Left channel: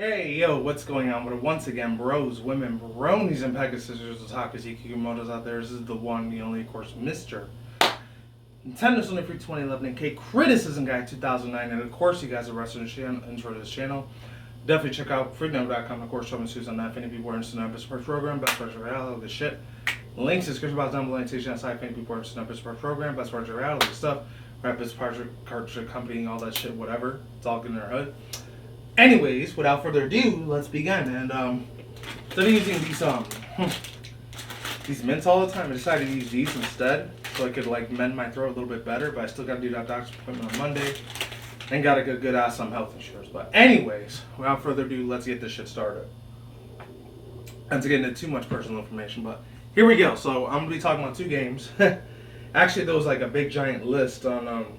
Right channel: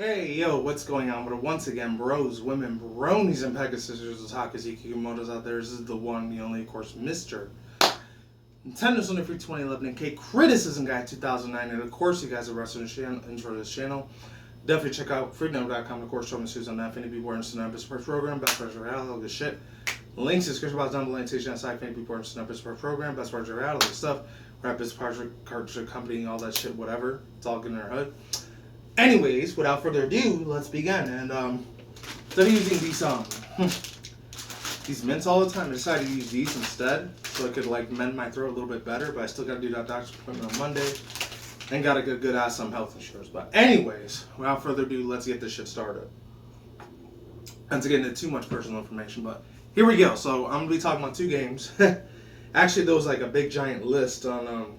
Hey, yo, what's going on? But once again, bros, women, bronies, and pegasisters, otakus, Ikikomotos out there. This is the one, the only, of course, Mr. Nintendo Sony Free 2011 and K Criticism Guy 2009. And of course, you guys are wrestling intro to this channel. Definitely check out freedom.com. Of course, show me shoes on that. Infinity People Instant Support Program, Best Parts of Reality, all this shit. Links in the description box down below. Station outside Infinity People Instant Support Program, Best Parts of Reality, all this stuff. Rapid Parts Cartridge Company, all that shit, whatever. It's all good in our hood. Anyways, without further ado, let's begin. And instead of using these mints all the time, I decided to use these instead, so I could like mend my throat a little bit better. But I still got to do that doctor's appointment on Monday, and got to get a good ass some health insurance. But anyways, without further ado, let's get this shit started. And to get into too much personal information, but here we go. So I'm gonna be talking about two games. Actually, there was like a big giant list on.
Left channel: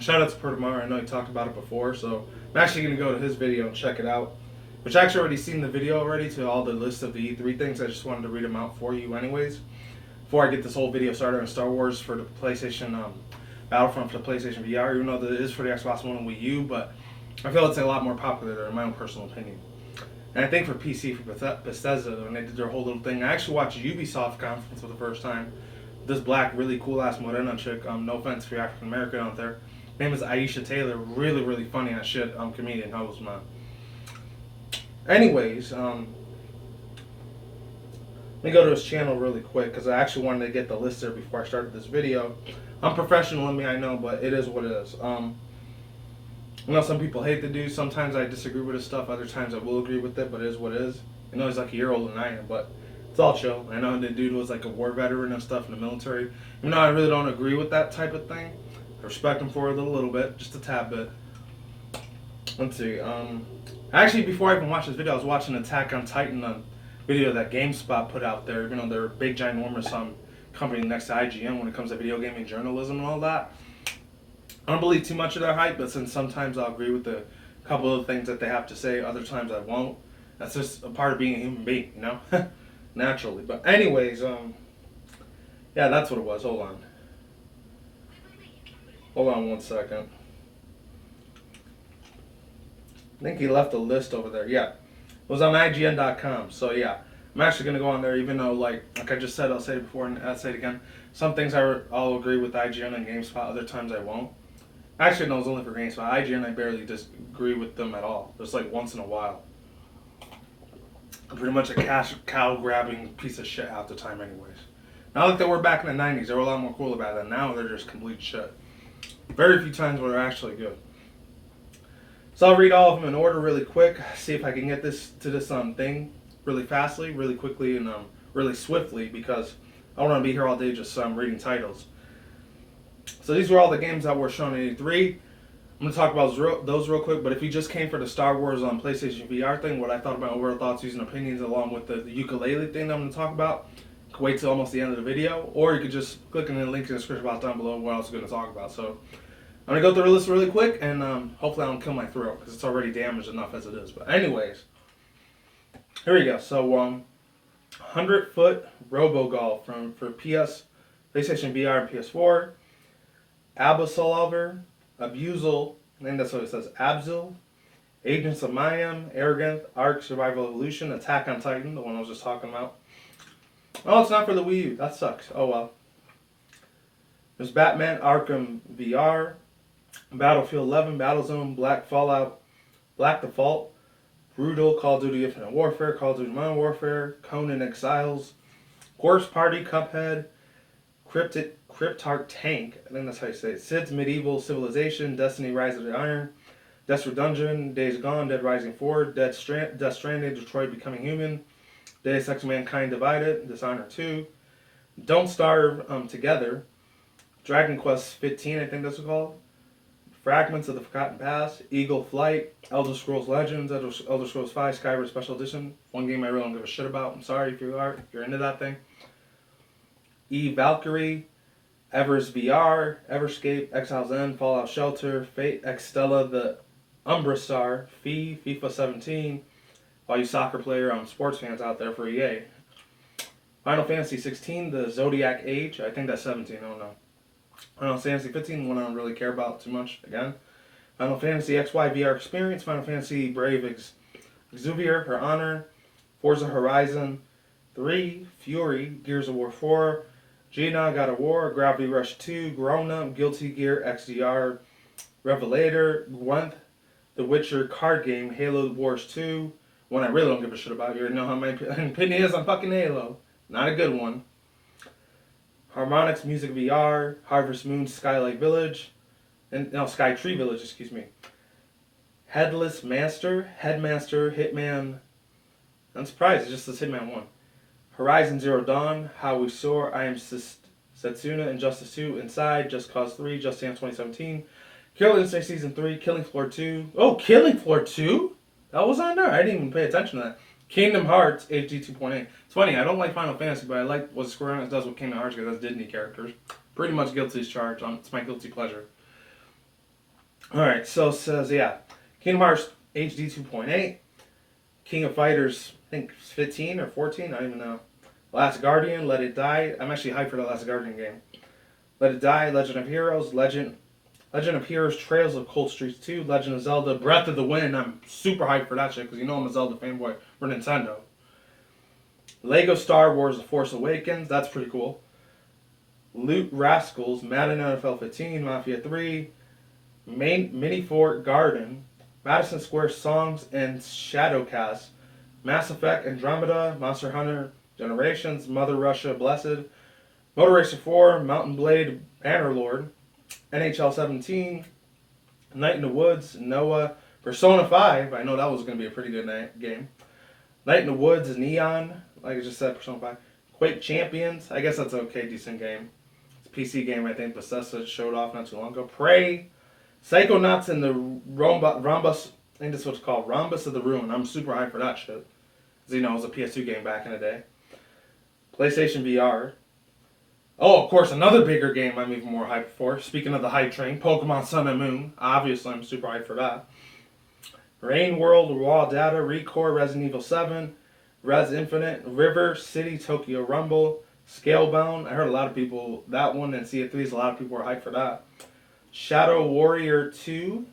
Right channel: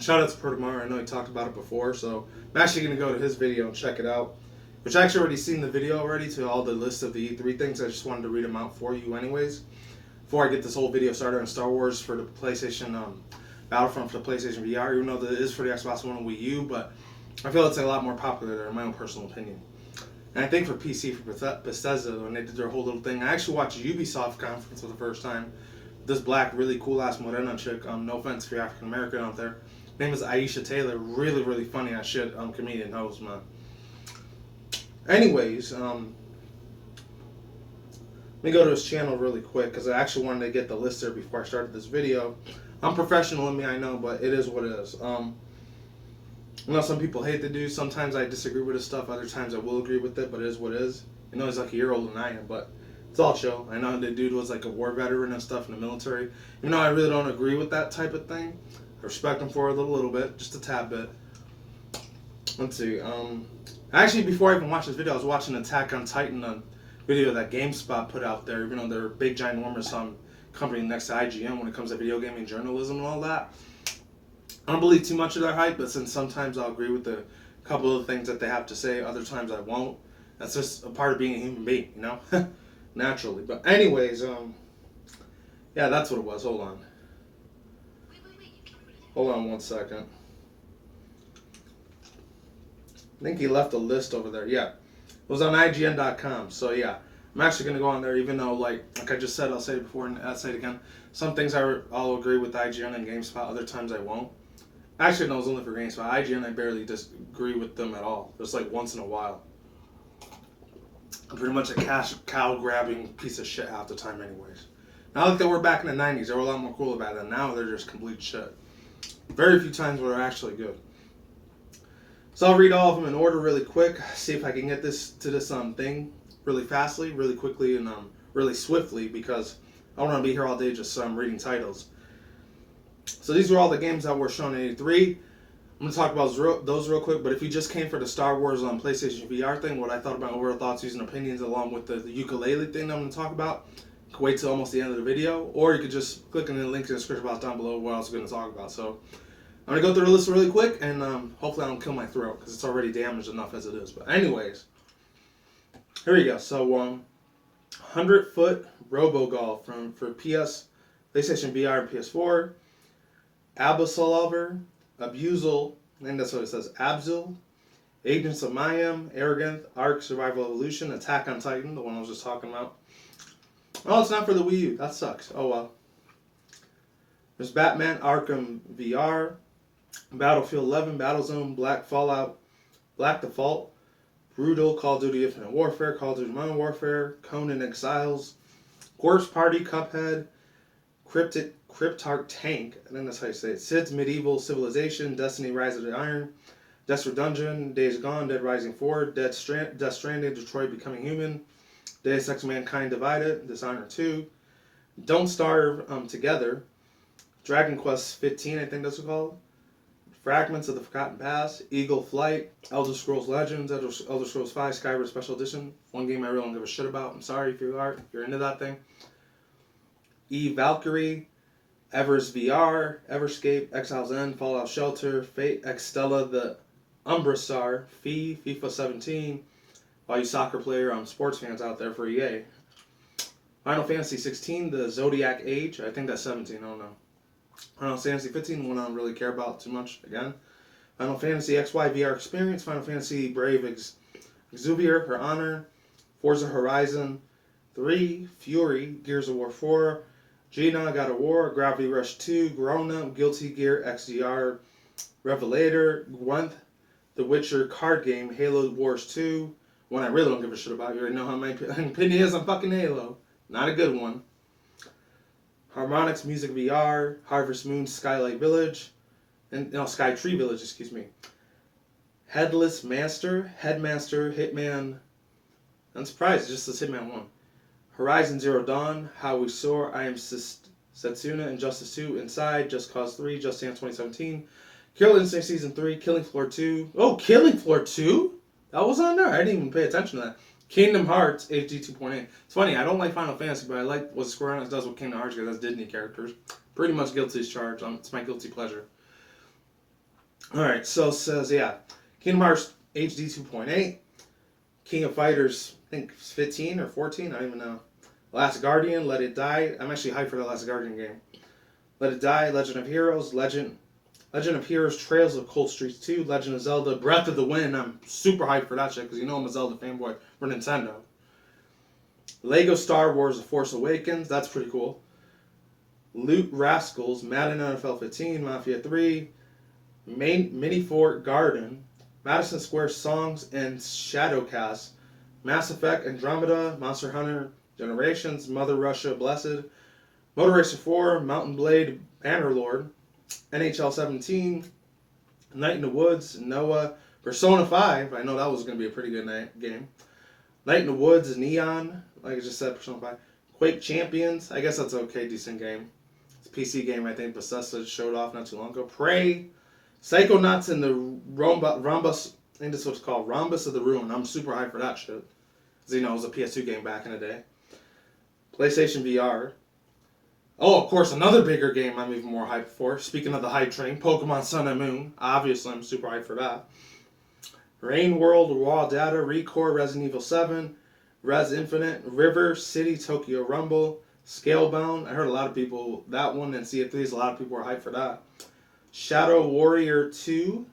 Shout out to Pertamar. I know he talked about it before, so I'm actually going to go to his video and check it out. Which I actually already seen the video already to all the list of the E3 things. I just wanted to read them out for you anyways. Before I get this whole video started on Star Wars for the PlayStation Battlefront for the PlayStation VR, even though it is for the Xbox One and Wii U, but I feel it's a lot more popular there in my own personal opinion. And I think for PC, for Bethesda, when they did their whole little thing, I actually watched Ubisoft conference for the first time. This black, really cool ass Morena chick, no offense for your African American out there. Her name is Aisha Taylor. Really, really funny as shit. Comedian host, man. Anyways, let me go to his channel really quick because I actually wanted to get the list there before I started this video. I'm professional in me, I know, but it is what it is. I know some people hate the dude. Sometimes I disagree with his stuff. Other times I will agree with it, but it is what it is. I know he's like a year older than I am, but it's all chill. I know the dude was like a war veteran and stuff in the military. Even though I really don't agree with that type of thing. I respect him for it a little bit, just a tad bit. Let's see. Actually, before I even watched this video, I was watching Attack on Titan video that GameSpot put out there. Even though they're a big, ginormous company next to IGN when it comes to video gaming journalism and all that. I don't believe too much of their hype, but since sometimes I'll agree with a couple of things that they have to say, other times I won't. That's just a part of being a human being, you know? Naturally. But anyways, yeah, that's what it was. Hold on. Hold on one second. I think he left a list over there. Yeah. It was on IGN.com. So yeah, I'm actually going to go on there even though like I just said, I'll say it before and I'll say it again. Some things I'll agree with IGN and GameSpot. Other times I won't. Actually, no, it's only for GameSpot. IGN, I barely disagree with them at all. Just like once in a while. I'm pretty much a cow-grabbing piece of shit half the time anyways. Not like they were back in the 90s. They were a lot more cool about that. Now they're just complete shit. Very few times where they're actually good. So I'll read all of them in order really quick. See if I can get this to this thing really fastly, really quickly, and really swiftly because I don't want to be here all day just reading titles. So these were all the games that were shown in E3. I'm going to talk about those real quick, but if you just came for the Star Wars PlayStation VR thing, what I thought about overall thoughts, views, and opinions along with the ukulele thing that I'm going to talk about, you can wait till almost the end of the video, or you could just click on the link in the description box down below what else I'm going to talk about. So I'm going to go through the list really quick, and hopefully I don't kill my throat, because it's already damaged enough as it is. But anyways, here we go. So 100-foot Robo-Golf for PlayStation VR and PS4. Absolver, Abusal, I think that's what it says, Abzil, Agents of Mayhem, Arrogant, Ark, Survival Evolution, Attack on Titan, the one I was just talking about. Oh, it's not for the Wii U. That sucks. Oh well. There's Batman Arkham VR, Battlefield 11, Battlezone, Black Fallout, Black Default, Brutal, Call of Duty Infinite Warfare, Call of Duty Modern Warfare, Conan Exiles, Horse Party, Cuphead, Cryptarch Tank, I think that's how you say it, Sid's Medieval Civilization, Destiny Rise of the Iron, Desperate Dungeon, Days Gone, Dead Rising 4, Death Stranding, Detroit Becoming Human, Deus Ex Mankind Divided, Dishonored 2, Don't Starve Together, Dragon Quest 15, I think that's what it's called, Fragments of the Forgotten Past, Eagle Flight, Elder Scrolls Legends, Elder Scrolls 5, Skyward Special Edition, one game I really don't give a shit about, I'm sorry if you're into that thing, Valkyrie, Evers VR, Everscape, Exile's End, Fallout Shelter, Fate, X Stella, the Umbra Star, FIFA 17, all you soccer player sports fans out there for EA. Final Fantasy 16, the Zodiac Age, I think that's 17, I don't know. Final Fantasy 15, one I don't really care about too much, again. Final Fantasy XY VR Experience, Final Fantasy Brave Exuvier, Her Honor, Forza Horizon 3, Fury, Gears of War 4, Gina, God of War, Gravity Rush 2, Grown Up, Guilty Gear XDR, Revelator, Gwent, The Witcher card game, Halo Wars 2, one I really don't give a shit about. You already know how my opinion is on fucking Halo. Not a good one. Harmonix Music VR, Harvest Moon Skylight Village, and no, Sky Tree Village, excuse me. Headless Master, Headmaster, Hitman. I'm surprised, it just says Hitman 1. Horizon Zero Dawn, How We Soar, I Am Setsuna, Injustice 2, Inside, Just Cause 3, Just Dance 2017, Killer Instinct Season 3, Killing Floor 2. Oh, Killing Floor 2? That was on there. I didn't even pay attention to that. Kingdom Hearts HD 2.8. It's funny, I don't like Final Fantasy, but I like what Square Enix does with Kingdom Hearts because that's Disney characters. Pretty much guilty as charged. It's my guilty pleasure. Alright, so it says, yeah. Kingdom Hearts HD 2.8. King of Fighters, I think 15 or 14, I don't even know. Last Guardian, Let It Die. I'm actually hyped for the Last Guardian game. Let It Die, Legend of Heroes, Legend of Heroes, Trails of Cold Streets 2, Legend of Zelda, Breath of the Wind. I'm super hyped for that shit because you know I'm a Zelda fanboy for Nintendo. Lego Star Wars The Force Awakens, that's pretty cool. Loot Rascals, Madden NFL 15, Mafia 3, Mini Fort Garden, Madison Square Songs and Shadowcast, Mass Effect Andromeda, Monster Hunter Generations, Mother Russia Blessed, Motor Racer 4, Mountain Blade Bannerlord, NHL 17, Night in the Woods, Noah, Persona 5, I know that was going to be a pretty good game. Night in the Woods, Neon, like I just said, Persona 5. Quake Champions, I guess that's an okay, decent game. It's a PC game, I think Bethesda showed off not too long ago. Prey, Psychonauts in the Rhombus, I think that's what it's called, Rhombus of the Ruin. I'm super hyped for that shit. Because, you know, it was a PS2 game back in the day. PlayStation VR. Oh, of course, another bigger game I'm even more hyped for. Speaking of the hype train, Pokemon Sun and Moon. Obviously, I'm super hyped for that. Rain World, Raw Data, Recore, Resident Evil 7, Res Infinite, River City, Tokyo Rumble, Scalebound. I heard a lot of people, that one, and Sea of Thieves, a lot of people were hyped for that. Shadow Warrior 2,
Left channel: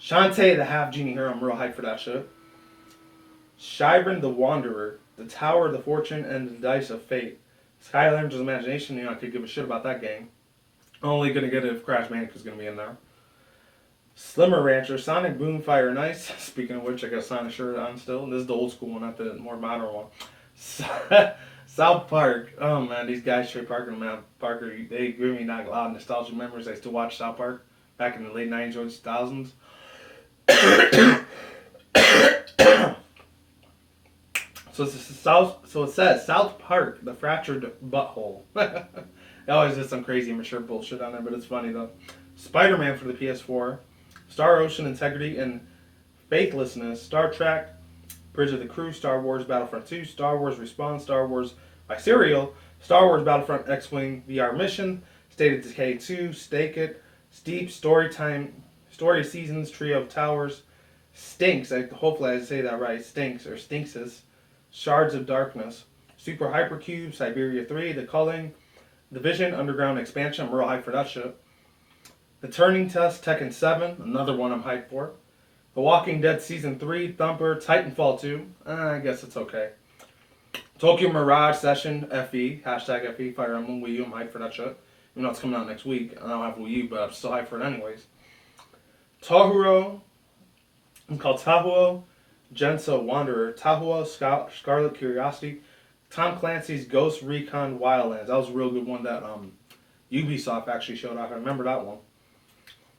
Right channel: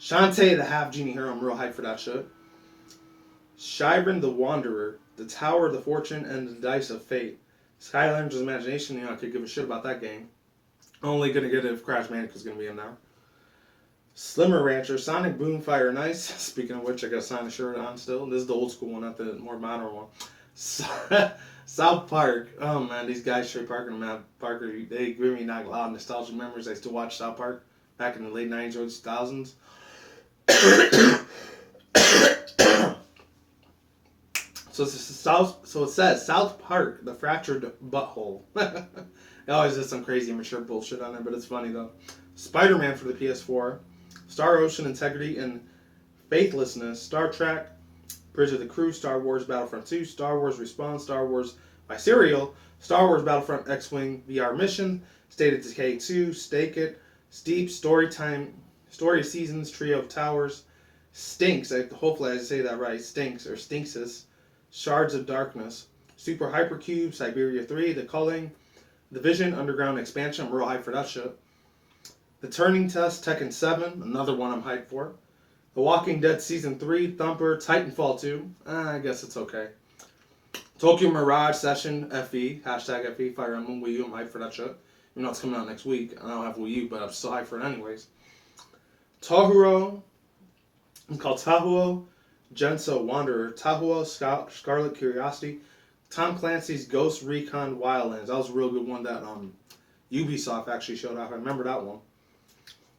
Shantae the Half Genie Hero, I'm real hyped for that shit. Shyren the Wanderer, The Tower of the Fortune, and the Dice of Fate. Skylanders Imagination, you know, I could give a shit about that game. Only gonna get it if Crash Bandicoot's gonna be in there. Slimmer Rancher, Sonic Boom Fire and Ice. Speaking of which, I got a Sonic shirt on still. This is the old school one, not the more modern one. South Park. Oh man, these guys straight Parker, man. Parker, they give me not a lot of nostalgia memories. I used to watch South Park back in the late 90s, early 2000s. So it says South Park, the fractured butthole. They always did some crazy mature bullshit on there, but it's funny though. Spider-Man for the PS4, Star Ocean Integrity and Faithlessness, Star Trek, Bridge of the Crew, Star Wars Battlefront 2, Star Wars Respawn, Star Wars by Serial, Star Wars Battlefront X-Wing VR Mission, State of Decay 2, Stake It, Steep, Story Seasons, Trio of Towers, Stinks, hopefully I say that right, Stinks or Stinksis, Shards of Darkness, Super Hypercube, Siberia 3, The Culling, The Vision, Underground Expansion, I'm real hyped for that shit. The Turning Test, Tekken 7, another one I'm hyped for. The Walking Dead Season 3, Thumper, Titanfall 2, I guess it's okay. Tokyo Mirage Session, FE, hashtag FE, Fire Emblem, Wii U, I'm hyped for that shit. Even though it's coming out next week, I don't have Wii U, but I'm still hyped for it anyways. Tahuro, it's called Tahuo, Genso Wanderer, Tahuo, Scarlet Curiosity, Tom Clancy's Ghost Recon Wildlands. That was a real good one that Ubisoft actually showed off. I remember that one.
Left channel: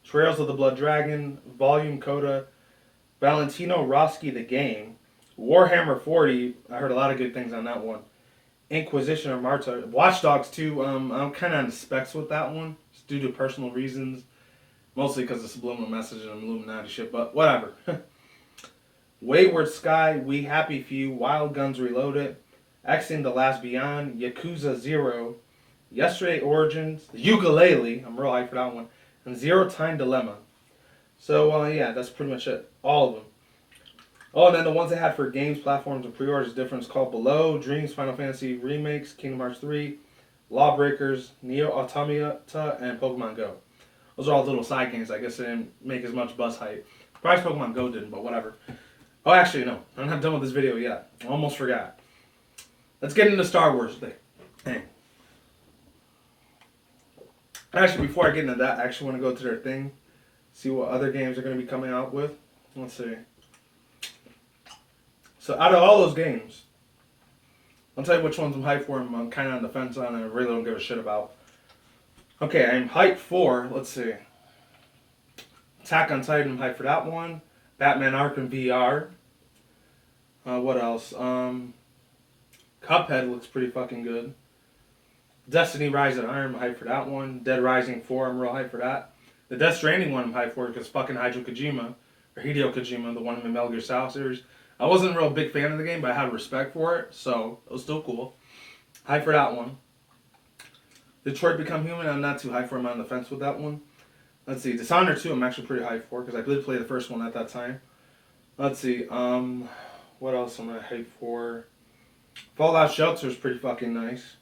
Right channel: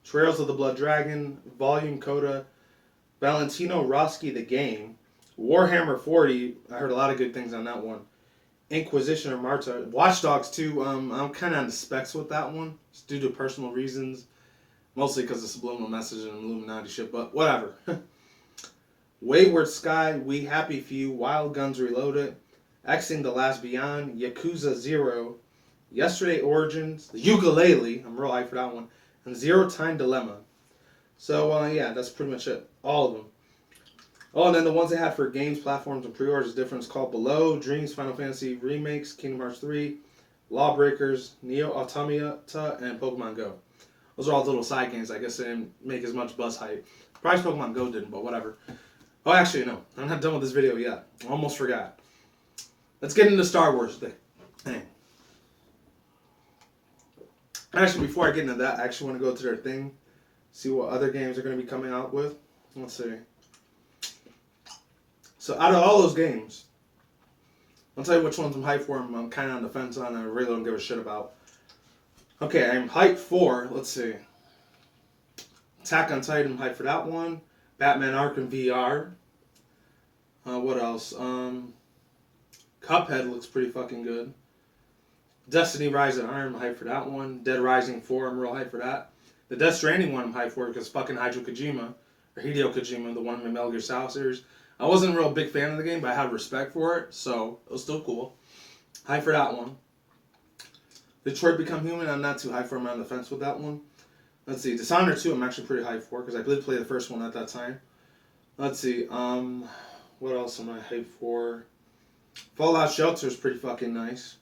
Trails of the Blood Dragon, Volume Coda, Valentino Rossi the Game, Warhammer 40. I heard a lot of good things on that one. Inquisition of Marta, Watch Dogs 2. I'm kind of on the specs with that one, just due to personal reasons, mostly because of subliminal message and Illuminati shit. But whatever. Wayward Sky, We Happy Few, Wild Guns Reloaded, Xing the Last Beyond, Yakuza 0, Yesterday Origins, the Ukulele, I'm real hyped for that one, and Zero Time Dilemma. So, yeah, that's pretty much it. All of them. Oh, and then the ones they had for games, platforms, and pre-orders is different. It's called Below, Dreams, Final Fantasy Remakes, Kingdom Hearts 3, Lawbreakers, Neo Automata, and Pokemon Go. Those are all little side games. I guess they didn't make as much buzz hype. Probably Pokemon Go didn't, but whatever. Oh, actually, no. I'm not done with this video yet. Almost forgot. Let's get into Star Wars thing. Dang. Actually, before I get into that, I actually want to go to their thing. See what other games are going to be coming out with. Let's see. So, out of all those games, I'll tell you which ones I'm hyped for. I'm kind of on the fence on. I really don't give a shit about. Okay, I'm hyped for, let's see. Attack on Titan, I'm hyped for that one. Batman Arkham VR. What else? Cuphead looks pretty fucking good. Destiny Rise of Iron, I'm hyped for that one. Dead Rising 4, I'm real hyped for that. The Death Stranding one I'm hyped for because fucking Hideo Kojima, the one in the Metal Gear Solid series. I wasn't a real big fan of the game, but I had respect for it, so it was still cool. Hyped for that one. Detroit Become Human, I'm not too hyped for. I'm on the fence with that one. Let's see. Dishonored 2, I'm actually pretty hyped for because I did play the first one at that time. Let's see. What else am I hyped for? Fallout Shelter is pretty fucking nice.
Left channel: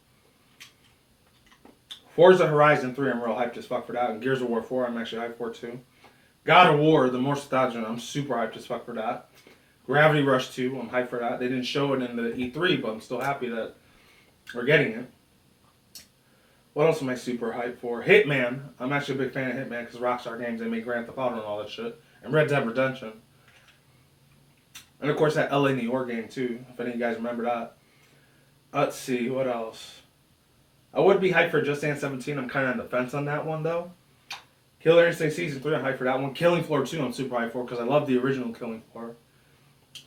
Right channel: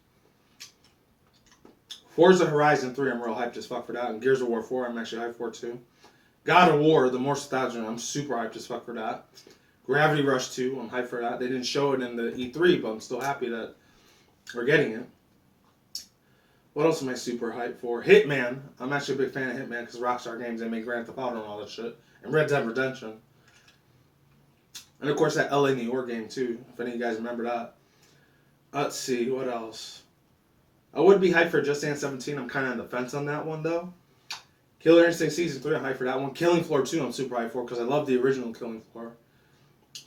Forza Horizon 3, I'm real hyped as fuck for that. And Gears of War 4, I'm actually hyped for too. God of War, the more nostalgia, I'm super hyped as fuck for that. Gravity Rush 2, I'm hyped for that. They didn't show it in the E3, but I'm still happy that we're getting it. What else am I super hyped for? Hitman. I'm actually a big fan of Hitman because Rockstar Games, they made Grand Theft Auto and all that shit. And Red Dead Redemption. And of course that LA New York game too, if any of you guys remember that. Let's see, what else? I would be hyped for Just Dance 17. I'm kind of on the fence on that one though. Killer Instinct Season 3, I'm hyped for that one. Killing Floor 2, I'm super hyped for because I love the original Killing Floor.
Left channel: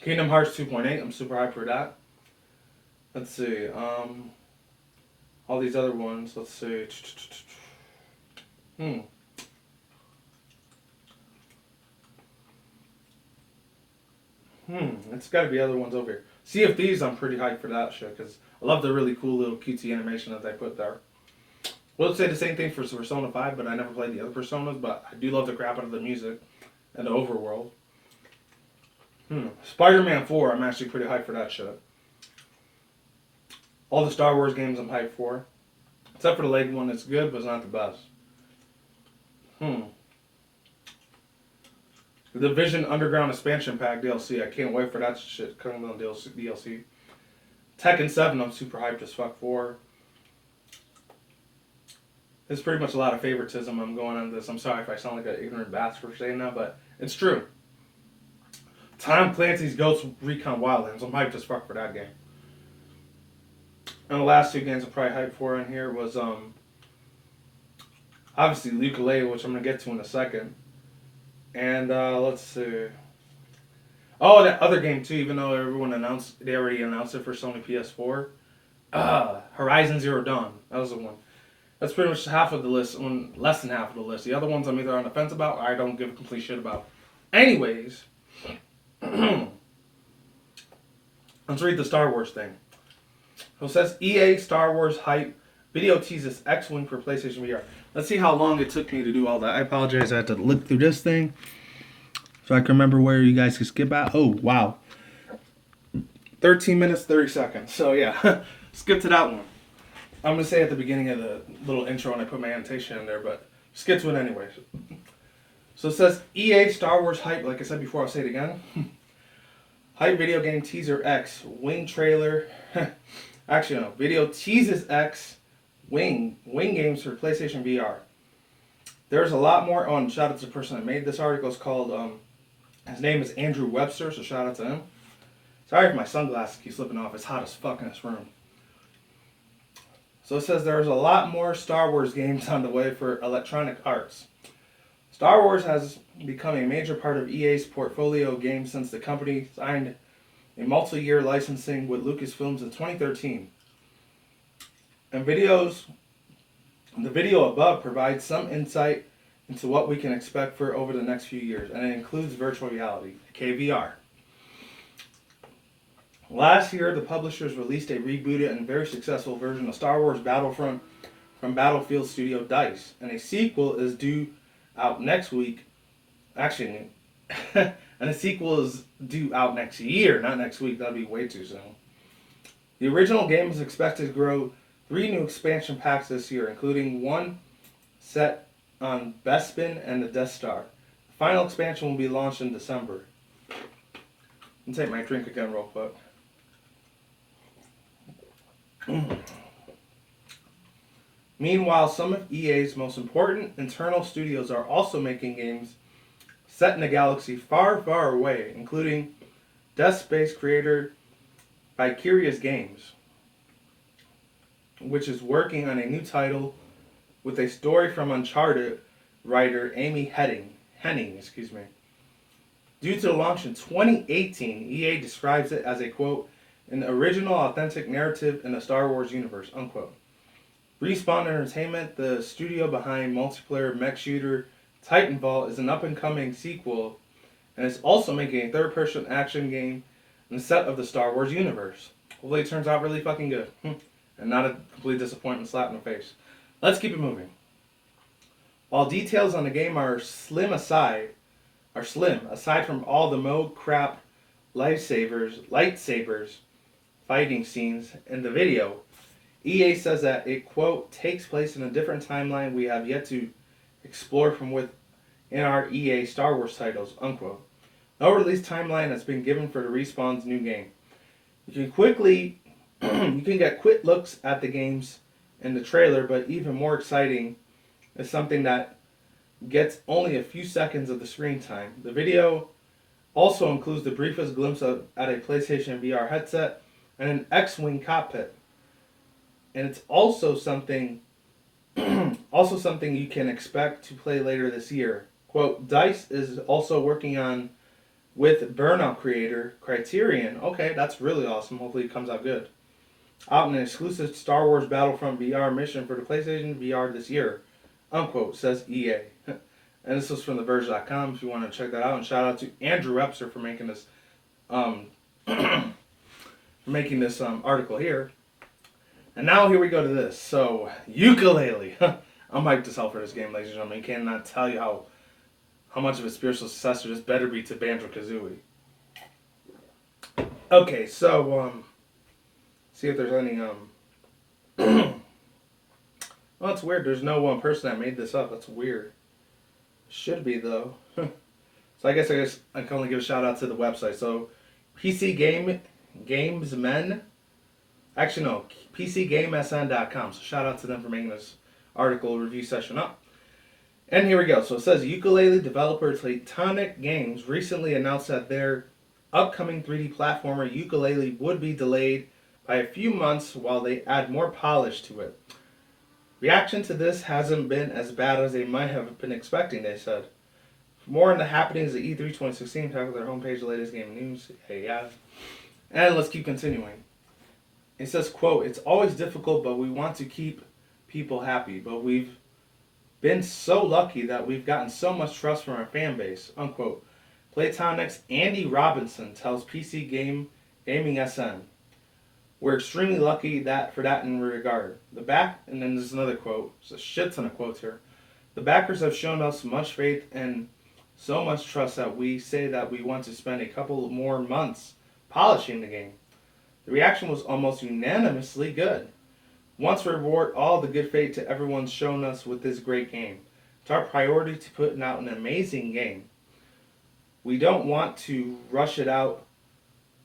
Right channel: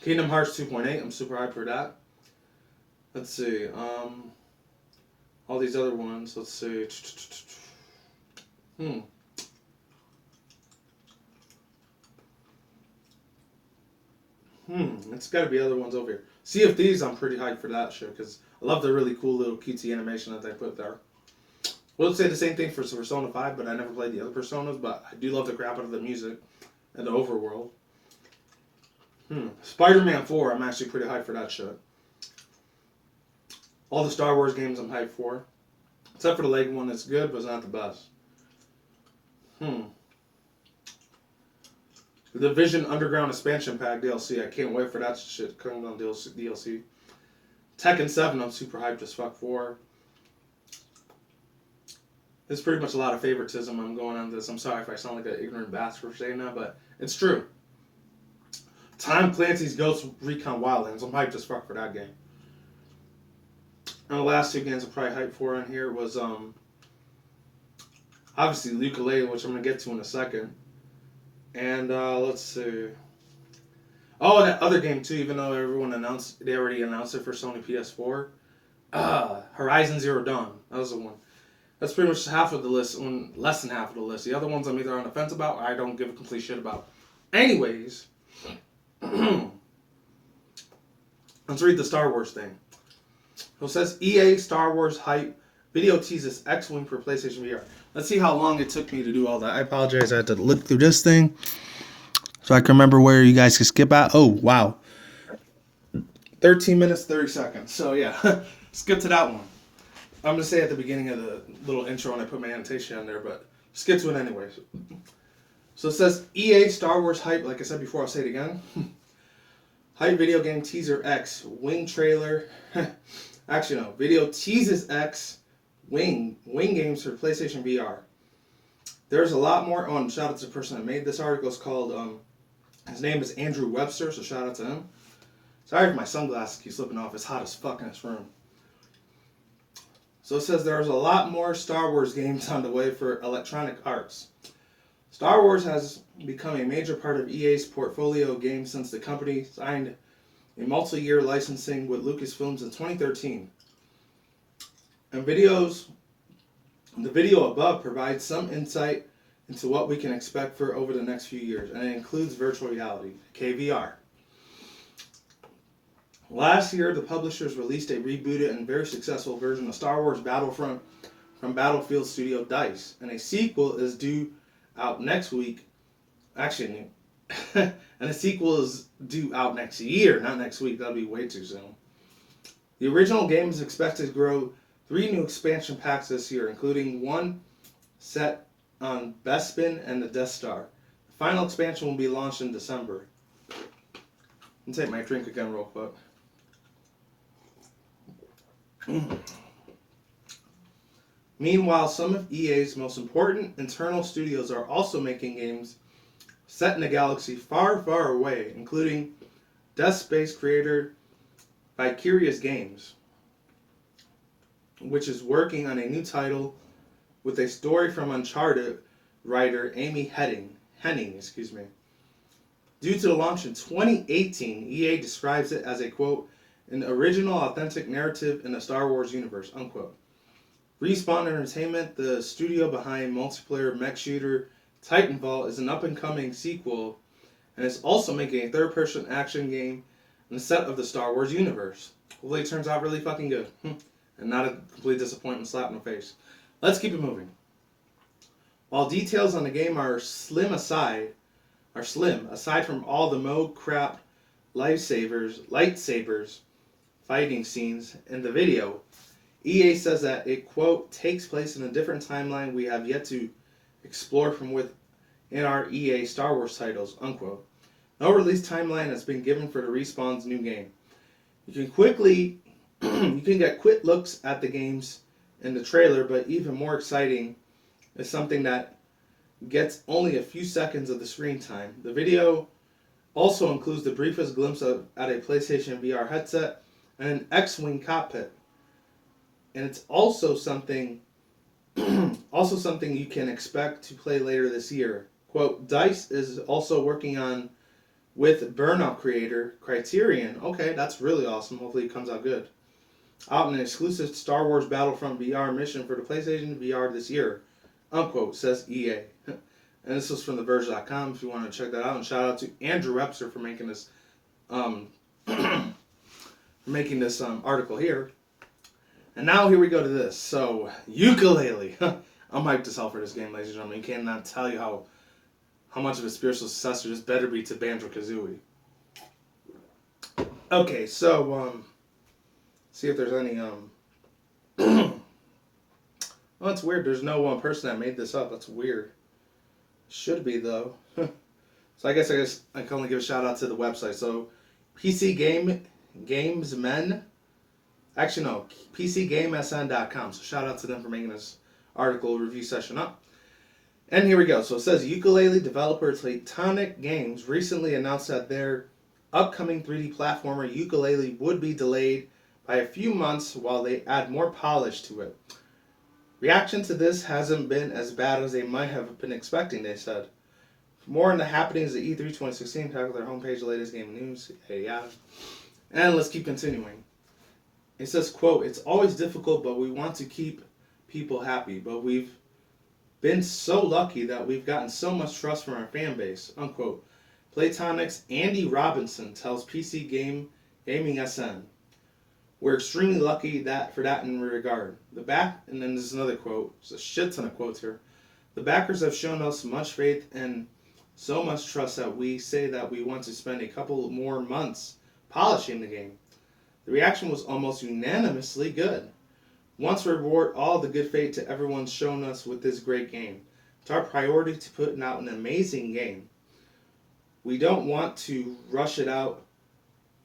Kingdom Hearts 2.8, I'm super hyped for that. Let's see, all these other ones, let's see. It's got to be other ones over here. Sea of Thieves, I'm pretty hyped for that shit because I love the really cool little cutesy animation that they put there. We'll say the same thing for Persona 5, but I never played the other Personas, but I do love the crap out of the music and the overworld. Spider-Man 4, I'm actually pretty hyped for that shit. All the Star Wars games I'm hyped for. Except for the Lego one, it's good, but it's not the best. The Division Underground Expansion Pack DLC, I can't wait for that shit coming on DLC. Tekken 7, I'm super hyped as fuck for. There's pretty much a lot of favoritism I'm going on this. I'm sorry if I sound like an ignorant bastard for saying that, but it's true. Tom Clancy's Ghost Recon Wildlands, I'm hyped as fuck for that game. And the last two games I'm probably hyped for on here was, obviously Yooka, which I'm going to get to in a second. And, let's see. Oh, that other game too, even though they already announced it for Sony PS4. Horizon Zero Dawn, that was the one. That's pretty much half of the list, less than half of the list. The other ones I'm either on the fence about or I don't give a complete shit about. Anyways, let's read the Star Wars thing. So it says EA Star Wars hype video teases X-Wing for PlayStation VR. Let's see how long it took me to do all that. I apologize. I had to look through this thing so I can remember where you guys can skip at. Oh, wow. 13 minutes, 30 seconds. So, yeah. Skip to that one. I'm going to say at the beginning of the little intro when I put my annotation in there, but skip to it anyways. So it says EA Star Wars hype. Like I said before, I'll say it again. Hype video game teaser X. Wing trailer. Actually, no. Video teases X. Wing games for PlayStation VR. There's a lot more on. Shout out to the person that made this article. It's called, his name is Andrew Webster, so shout out to him. Sorry if my sunglasses keep slipping off. It's hot as fuck in this room. So it says there's a lot more Star Wars games on the way for Electronic Arts. Star Wars has become a major part of EA's portfolio of games since the company signed a multi-year licensing with Lucasfilms in 2013. And the video above provides some insight into what we can expect for over the next few years, and it includes virtual reality, KVR. Last year, the publishers released a rebooted and very successful version of Star Wars Battlefront from Battlefield studio DICE, and a sequel is due out next week. Actually, and a sequel is due out next year, not next week. That'd be way too soon. The original game is expected to grow 3 new expansion packs this year, including one set on Bespin and the Death Star. The final expansion will be launched in December. Let me take my drink again real quick. Meanwhile, some of EA's most important internal studios are also making games set in a galaxy far, far away, including Dead Space creator Vicarious Games, which is working on a new title with a story from Uncharted writer Amy Henning. Due to the launch in 2018, EA describes it as a, quote, an original authentic narrative in the Star Wars universe, unquote. Respawn Entertainment, the studio behind multiplayer mech shooter Titanfall, is an up-and-coming sequel and is also making a third-person action game in the set of the Star Wars universe. Hopefully it turns out really fucking good and not a complete disappointment slap in the face. Let's keep it moving. While details on the game are slim aside from all the mode crap lightsabers fighting scenes in the video, EA says that it, quote, takes place in a different timeline we have yet to explore from within our EA Star Wars titles, unquote. No release timeline has been given for the Respawn's new game. You can get quick looks at the games in the trailer, but even more exciting is something that gets only a few seconds of the screen time. The video also includes the briefest glimpse at a PlayStation VR headset and an X-Wing cockpit. And it's also something you can expect to play later this year. Quote, DICE is also working on with Burnout creator Criterion. Okay, that's really awesome. Hopefully it comes out good. Out in an exclusive Star Wars Battlefront VR mission for the PlayStation VR this year, unquote, says EA. And this was from theverge.com if you want to check that out. And shout out to Andrew Webster for making this article here. And now here we go to this. So, Yooka-Laylee. I'm hyped as hell for this game, ladies and gentlemen. You cannot tell you how much of a spiritual successor this better be to Banjo-Kazooie. Okay, so, see if there's any, oh, it's weird. There's no one person that made this up. That's weird. Should be, though. So I guess I can only give a shout out to the website. So, PCGamesmen. Actually, no, PCGamesN.com. So shout out to them for making this article review session up. And here we go. So it says, Yooka-Laylee developer Tectonic Games recently announced that their upcoming 3D platformer Yooka-Laylee would be delayed by a few months while they add more polish to it. Reaction to this hasn't been as bad as they might have been expecting, they said. For more on the happenings at E3 2016, check out their homepage, the latest game news. Hey, yeah. And let's keep continuing. It says, quote, it's always difficult, but we want to keep people happy. But we've been so lucky that we've gotten so much trust from our fan base, unquote. Playtonic's Andy Robinson tells PC Gaming SN. We're extremely lucky for that in regard. And then there's another quote. There's a shit ton of quotes here. The backers have shown us much faith and so much trust that we say that we want to spend a couple more months polishing the game. The reaction was almost unanimously good. Once reward all the good faith to everyone's shown us with this great game. It's our priority to put out an amazing game. We don't want to rush it out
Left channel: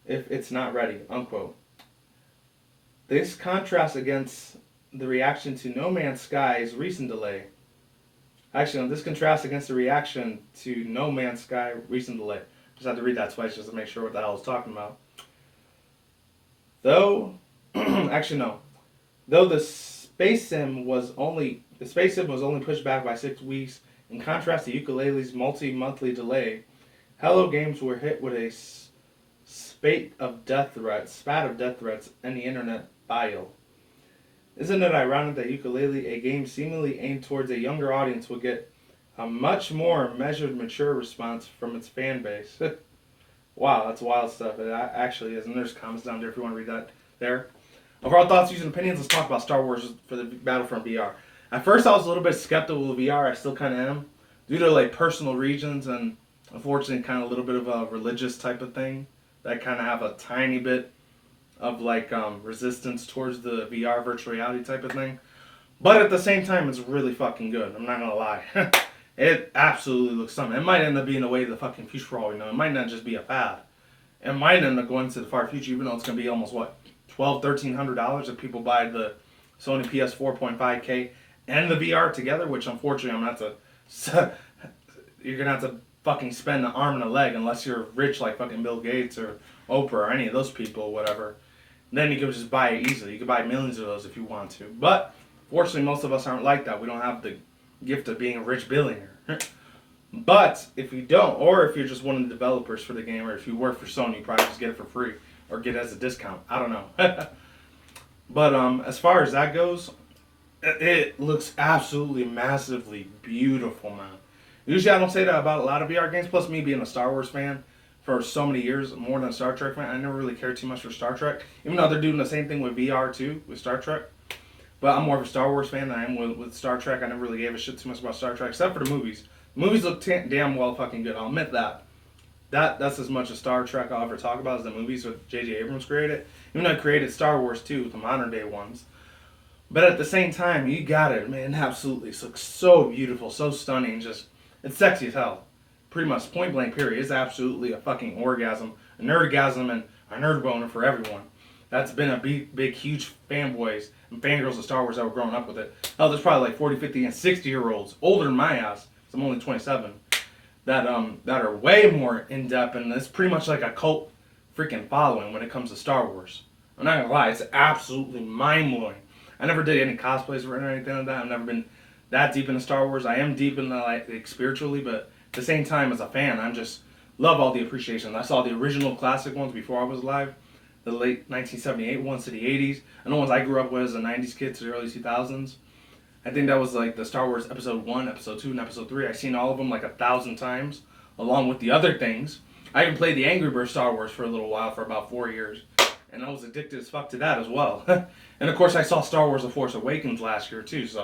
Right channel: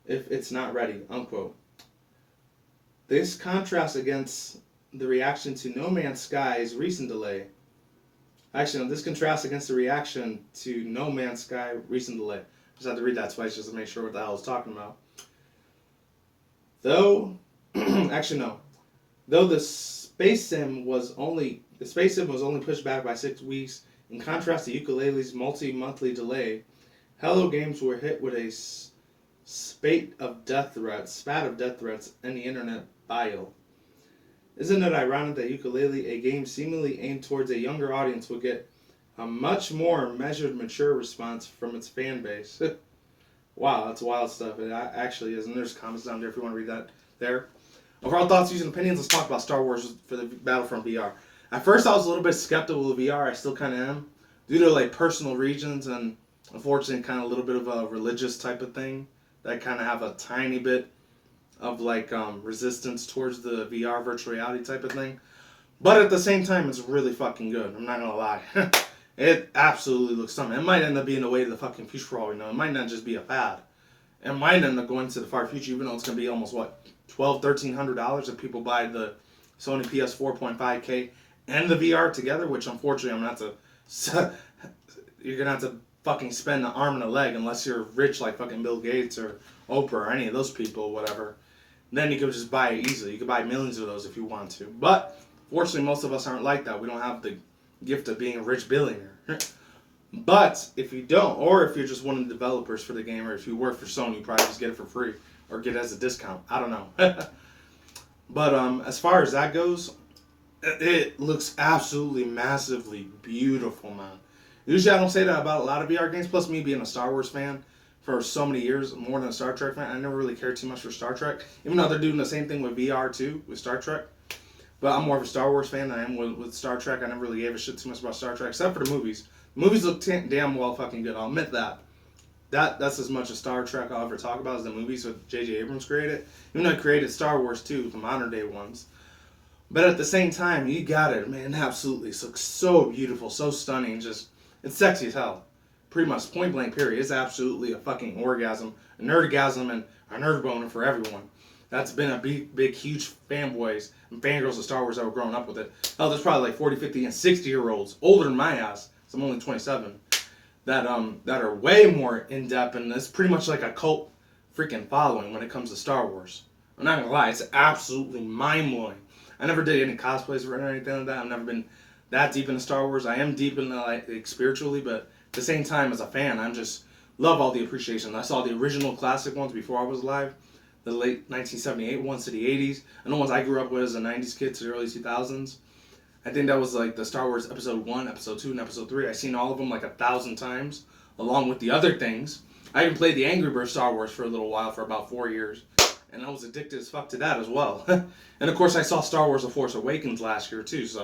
if it's not ready, unquote. This contrasts against the reaction to No Man's Sky's recent delay. Actually, no, this contrasts against the reaction to No Man's Sky recent delay. Just have to read that twice just to make sure what the hell it's talking about. Though the space sim was only pushed back by 6 weeks, in contrast to Yooka-Laylee's multi-monthly delay, Hello Games were hit with a spat of death threats in the internet bio. Isn't it ironic that Yooka-Laylee, a game seemingly aimed towards a younger audience, will get a much more measured, mature response from its fan base? Wow, that's wild stuff. It actually is. And there's comments down there if you want to read that there. Overall thoughts, views, and opinions. Let's talk about Star Wars for the Battlefront VR. At first, I was a little bit skeptical of VR. I still kind of am. Due to like personal regions and unfortunately kind of a little bit of a religious type of thing. That kind of have a tiny bit of like resistance towards the VR virtual reality type of thing. But at the same time, it's really fucking good. I'm not going to lie. It absolutely looks something. It might end up being a way to the fucking future for all we know. It might not just be a fad. It might end up going to the far future, even though it's going to be almost what, $1,200-$1,300 if people buy the Sony PS4.5K and the VR together, which unfortunately I'm going to have to, you're going to have to fucking spend an arm and a leg unless you're rich like fucking Bill Gates or Oprah or any of those people, whatever. Then you could just buy it easily. You could buy millions of those if you want to. But fortunately, most of us aren't like that. We don't have the gift of being a rich billionaire. But if you don't, or if you're just one of the developers for the game, or if you work for Sony, you probably just get it for free or get it as a discount. I don't know. But as far as that goes, it looks absolutely massively beautiful, man. Usually I don't say that about a lot of VR games. Plus, me being a Star Wars fan for so many years, more than a Star Trek fan, I never really cared too much for Star Trek. Even though they're doing the same thing with VR too, with Star Trek. But I'm more of a Star Wars fan than I am with Star Trek. I never really gave a shit too much about Star Trek, except for the movies. The movies look damn well fucking good. I'll admit that. That's as much a Star Trek I'll ever talk about as the movies that J.J. Abrams created. Even though he created Star Wars too, the modern day ones. But at the same time, you got it, man. Absolutely, it looks so beautiful, so stunning. Just it's sexy as hell. Pretty much point blank period. It's absolutely a fucking orgasm, a nerdgasm, and a nerd boner for everyone. That's been a big, huge fanboys and fangirls of Star Wars that were growing up with it. Hell, there's probably like 40, 50, and 60-year-olds, older than my ass, so I'm only 27, that are way more in-depth, and it's pretty much like a cult freaking following when it comes to Star Wars. I'm not gonna lie, it's absolutely mind-blowing. I never did any cosplays or anything like that. I've never been that deep into Star Wars. I am deep in the, like spiritually, but at the same time, as a fan, I'm just love all the appreciation. I saw the original classic ones before I was alive. The late 1978 ones to the 80s, and the ones I grew up with as a 90s kid to the early 2000s. I think that was like the Star Wars Episode 1, Episode 2, and Episode 3. I've seen all of them like 1,000 times, along with the other things. I even played the Angry Birds Star Wars for a little while, for about 4 years, and I was addicted as fuck to that as well. And of course, I saw Star Wars The Force Awakens last year too, so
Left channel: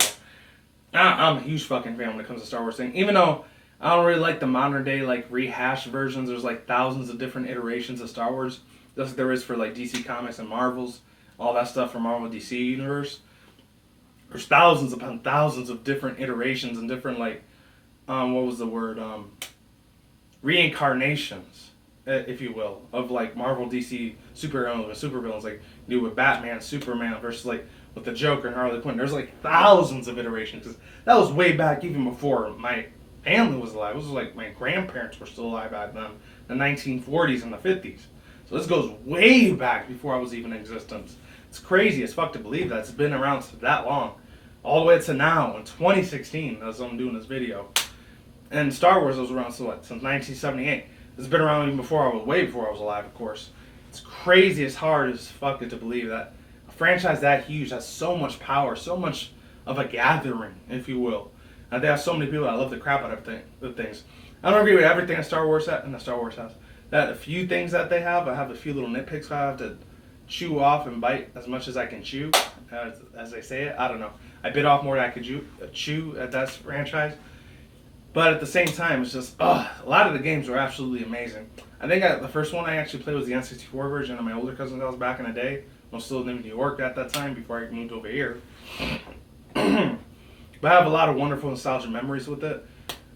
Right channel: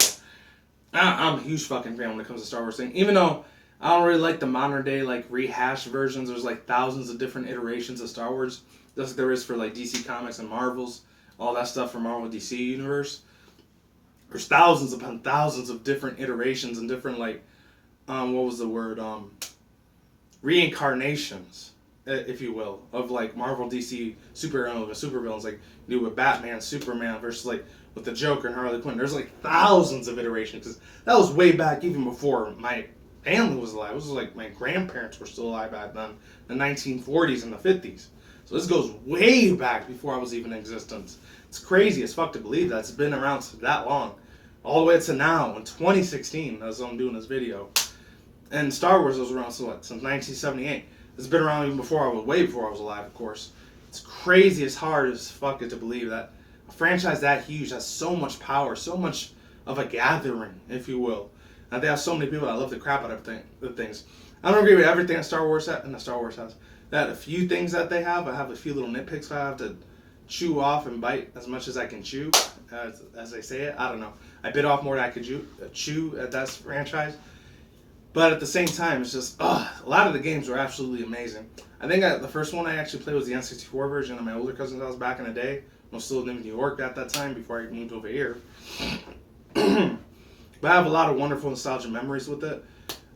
I'm a huge fucking fan when it comes to Star Wars thing. Even though I don't really like the modern day like rehashed versions, there's like thousands of different iterations of Star Wars. Just like there is for like DC Comics and Marvels, all that stuff from Marvel DC Universe. There's thousands upon thousands of different iterations and different like, what was the word? Reincarnations, if you will, of like Marvel DC superheroes and supervillains, like you do with Batman, Superman versus like with the Joker and Harley Quinn. There's like thousands of iterations because that was way back even before my family was alive. It was like my grandparents were still alive back then, the 1940s and the 50s. So this goes way back before I was even in existence. It's crazy as fuck to believe that it's been around that long. All the way to now, in 2016, as I'm doing this video. And Star Wars was around, so what, since 1978. It's been around even before way before I was alive, of course. It's crazy as hard as fuck to believe that a franchise that huge has so much power, so much of a gathering, if you will. And they have so many people that love the crap out of the things. I don't agree with everything that Star Wars has. That a few things that they have, I have a few little nitpicks I have to chew off and bite as much as I can chew, as they say it. I don't know. I bit off more than I could chew at that franchise. But at the same time, it's just, a lot of the games were absolutely amazing. I think the first one I actually played was the N64 version of my older cousin's house back in the day. I was still living in New York at that time before I moved over here. But I have a lot of wonderful nostalgia memories with it.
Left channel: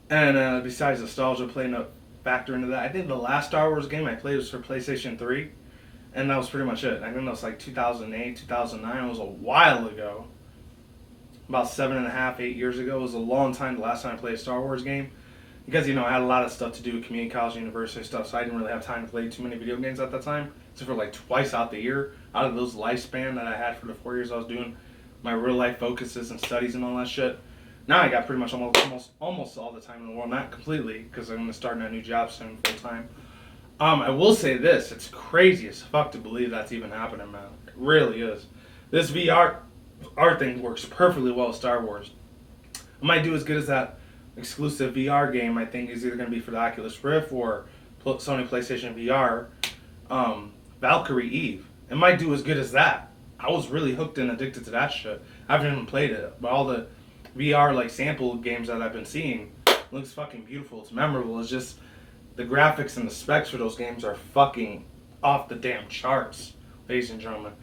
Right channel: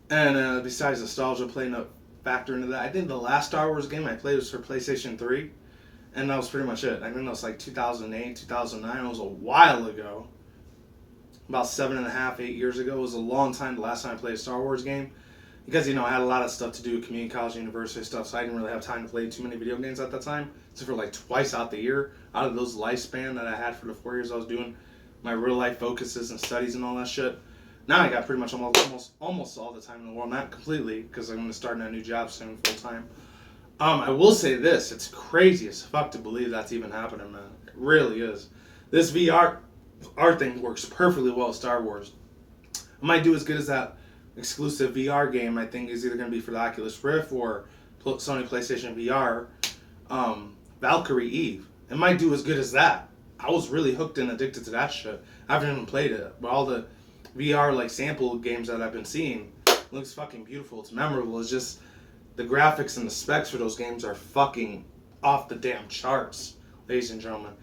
And besides nostalgia playing a factor into that, I think the last Star Wars game I played was for PlayStation 3. And that was pretty much it. I think that was like 2008, 2009. It was a while ago. About 8 years ago. It was a long time, the last time I played a Star Wars game. Because, I had a lot of stuff to do with community college, university stuff, so I didn't really have time to play too many video games at that time. Except for like twice out the year, out of those lifespan that I had for the 4 years I was doing my real life focuses and studies and all that shit. Now I got pretty much almost all the time in the world. Not completely, because I'm going to start in a new job soon, full time. I will say this, it's crazy as fuck to believe that's even happening, man. It really is. This VR thing works perfectly well with Star Wars. I might do as good as that exclusive VR game I think is either going to be for the Oculus Rift or Sony PlayStation VR, Valkyrie Eve. It might do as good as that. I was really hooked and addicted to that shit. I haven't even played it, but all the VR like sample games that I've been seeing looks fucking beautiful. It's memorable. It's just the graphics and the specs for those games are fucking off the damn charts, ladies and gentlemen.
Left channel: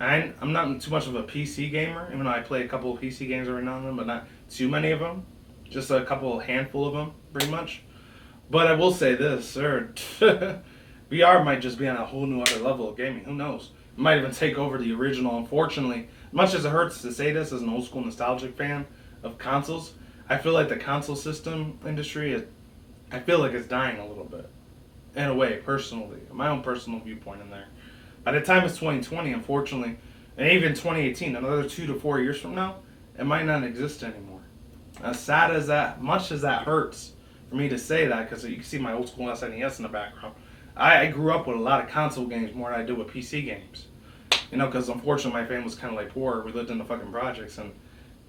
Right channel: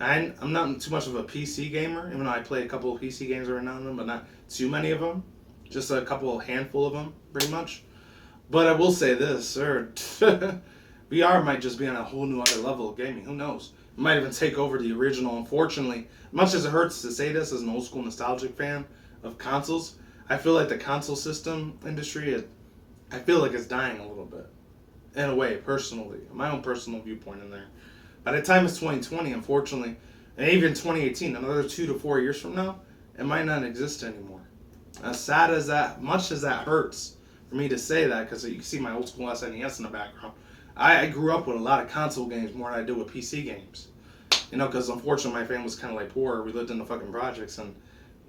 I'm not too much of a PC gamer, even though I play a couple of PC games every now and then, but not too many of them. Just a handful of them, pretty much. But I will say this, sir. VR might just be on a whole new other level of gaming. Who knows? It might even take over the original. Unfortunately, much as it hurts to say this as an old school nostalgic fan of consoles, I feel like the console system industry is, I feel like it's dying a little bit. In a way, personally. My own personal viewpoint in there. By the time it's 2020, unfortunately, and even 2018, another 2 to 4 years from now, it might not exist anymore. As sad as that, much as that hurts for me to say that, because you can see my old school SNES in the background. I grew up with a lot of console games more than I did with PC games. You know, because unfortunately my family was kind of like poor. We lived in the fucking projects, and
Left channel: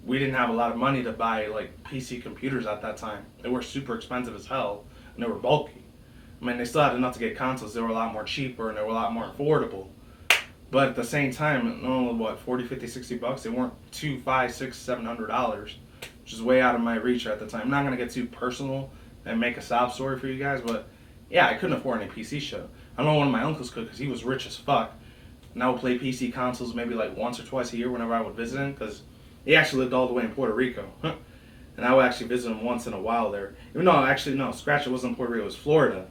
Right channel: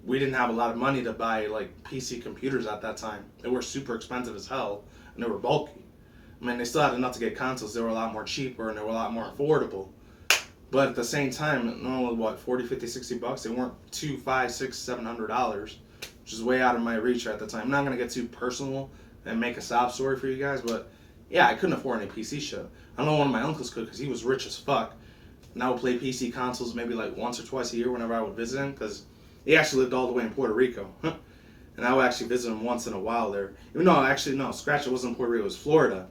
we didn't have a lot of money to buy like PC computers at that time. They were super expensive as hell, and they were bulky. I mean, they still had enough to get consoles. They were a lot more cheaper, and they were a lot more affordable. But at the same time, only what, 40, 50, 60 bucks? They weren't $200, $500, $600, $700, which is way out of my reach at the time. I'm not going to get too personal and make a sob story for you guys, but yeah, I couldn't afford any PC shit. I know one of my uncles could because he was rich as fuck. And I would play PC consoles maybe like once or twice a year whenever I would visit him, because he actually lived all the way in Puerto Rico. And I would actually visit him once in a while there. Even though, actually, no, scratch, it wasn't Puerto Rico, it was Florida.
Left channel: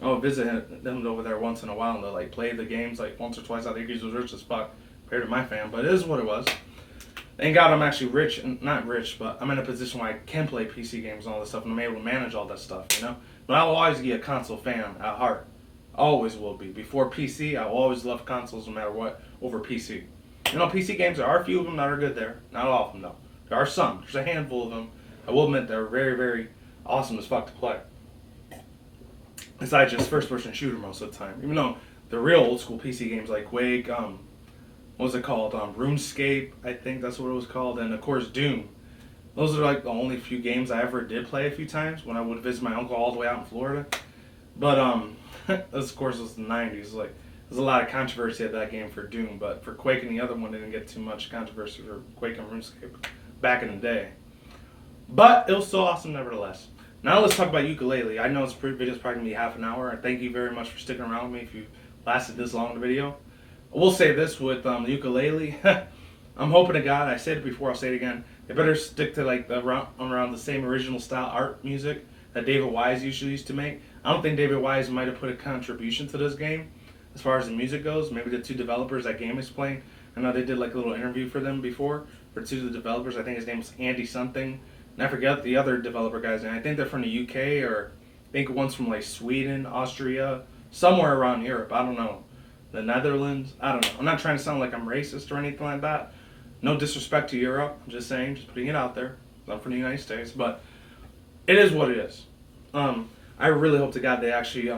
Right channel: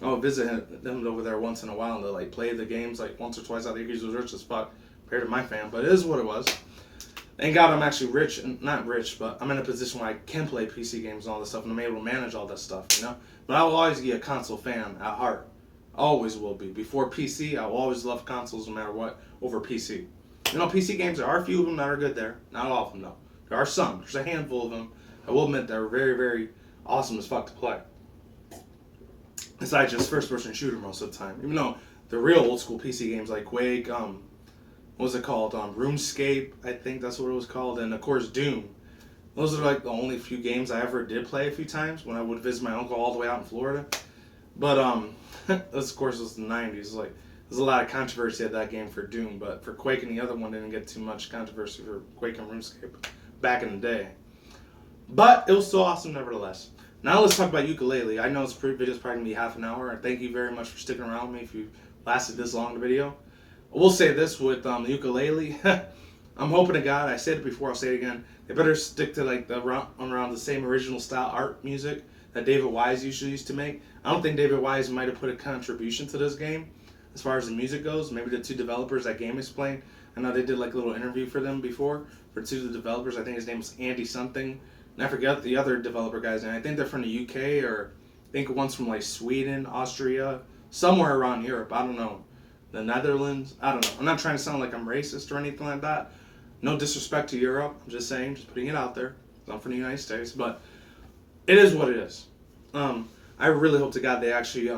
I would visit them over there once in a while, and they like play the games like once or twice. I think he was rich as fuck compared to my fam, but it is what it was. Thank God I'm actually rich, and not rich, but I'm in a position where I can play PC games and all this stuff, and I'm able to manage all that stuff, you know? But I will always be a console fan at heart. Always will be. Before PC, I will always love consoles no matter what over PC. You know, PC games, there are a few of them that are good there. Not all of them, though. There are some. There's a handful of them. I will admit they're very, very awesome as fuck to play. Besides just first-person shooter most of the time. Even though the real old-school PC games like Quake, what was it called? RuneScape, I think that's what it was called. And, of course, Doom. Those are like the only few games I ever did play a few times when I would visit my uncle all the way out in Florida. But, this, of course, was the 90s. Like, there's a lot of controversy at that game for Doom, but for Quake and the other one, didn't get too much controversy for Quake and RuneScape back in the day. But it was still awesome nevertheless. Now let's talk about ukulele. I know this video is probably going to be half an hour, and thank you very much for sticking around with me if you lasted this long in the video. I will say this with the ukulele. I'm hoping to God, I said it before, I'll say it again, they better stick to like around the same original style art music that David Wise usually used to make. I don't think David Wise might have put a contribution to this game as far as the music goes. Maybe the two developers that game is playing. I know they did like a little interview for them before, for two of the developers. I think his name was Andy something. And I forget the other developer guy's name. I think they're from the UK, or I think one's from like Sweden, Austria, somewhere around Europe. I don't know. The Netherlands. I don't know. I'm not trying to sound like I'm racist or anything like that. No disrespect to Europe. I'm just saying, just putting it out there. I'm from the United States, but it is what it is. I really hope to God they actually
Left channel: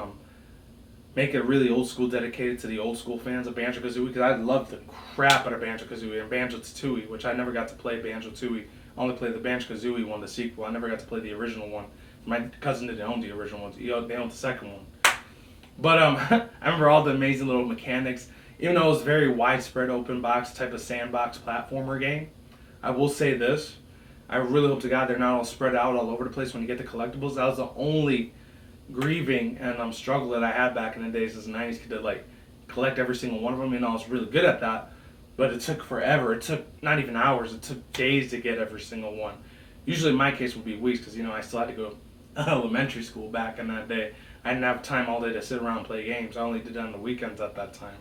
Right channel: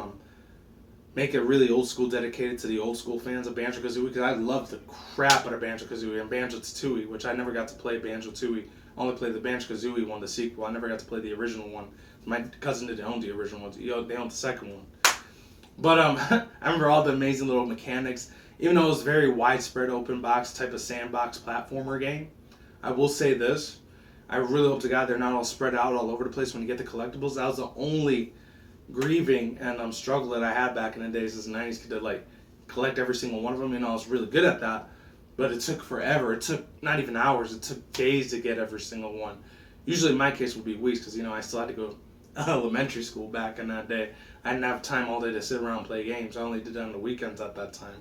make it really old school, dedicated to the old school fans of Banjo-Kazooie, because I love the crap out of Banjo-Kazooie and Banjo-Tooie, which I never got to play Banjo-Tooie. I only played the Banjo-Kazooie one, the sequel. I never got to play the original one. My cousin didn't own the original one. They owned the second one. But I remember all the amazing little mechanics. Even though it was a very widespread open box type of sandbox platformer game, I will say this. I really hope to God they're not all spread out all over the place when you get the collectibles. That was the only grieving and struggle that I had back in the days as a 90s kid to like collect every single one of them. You know, I was really good at that. But it took forever. It took not even hours. It took days to get every single one. Usually in my case would be weeks because, you know, I still had to go to elementary school back in that day. I didn't have time all day to sit around and play games. I only did it on the weekends at that time.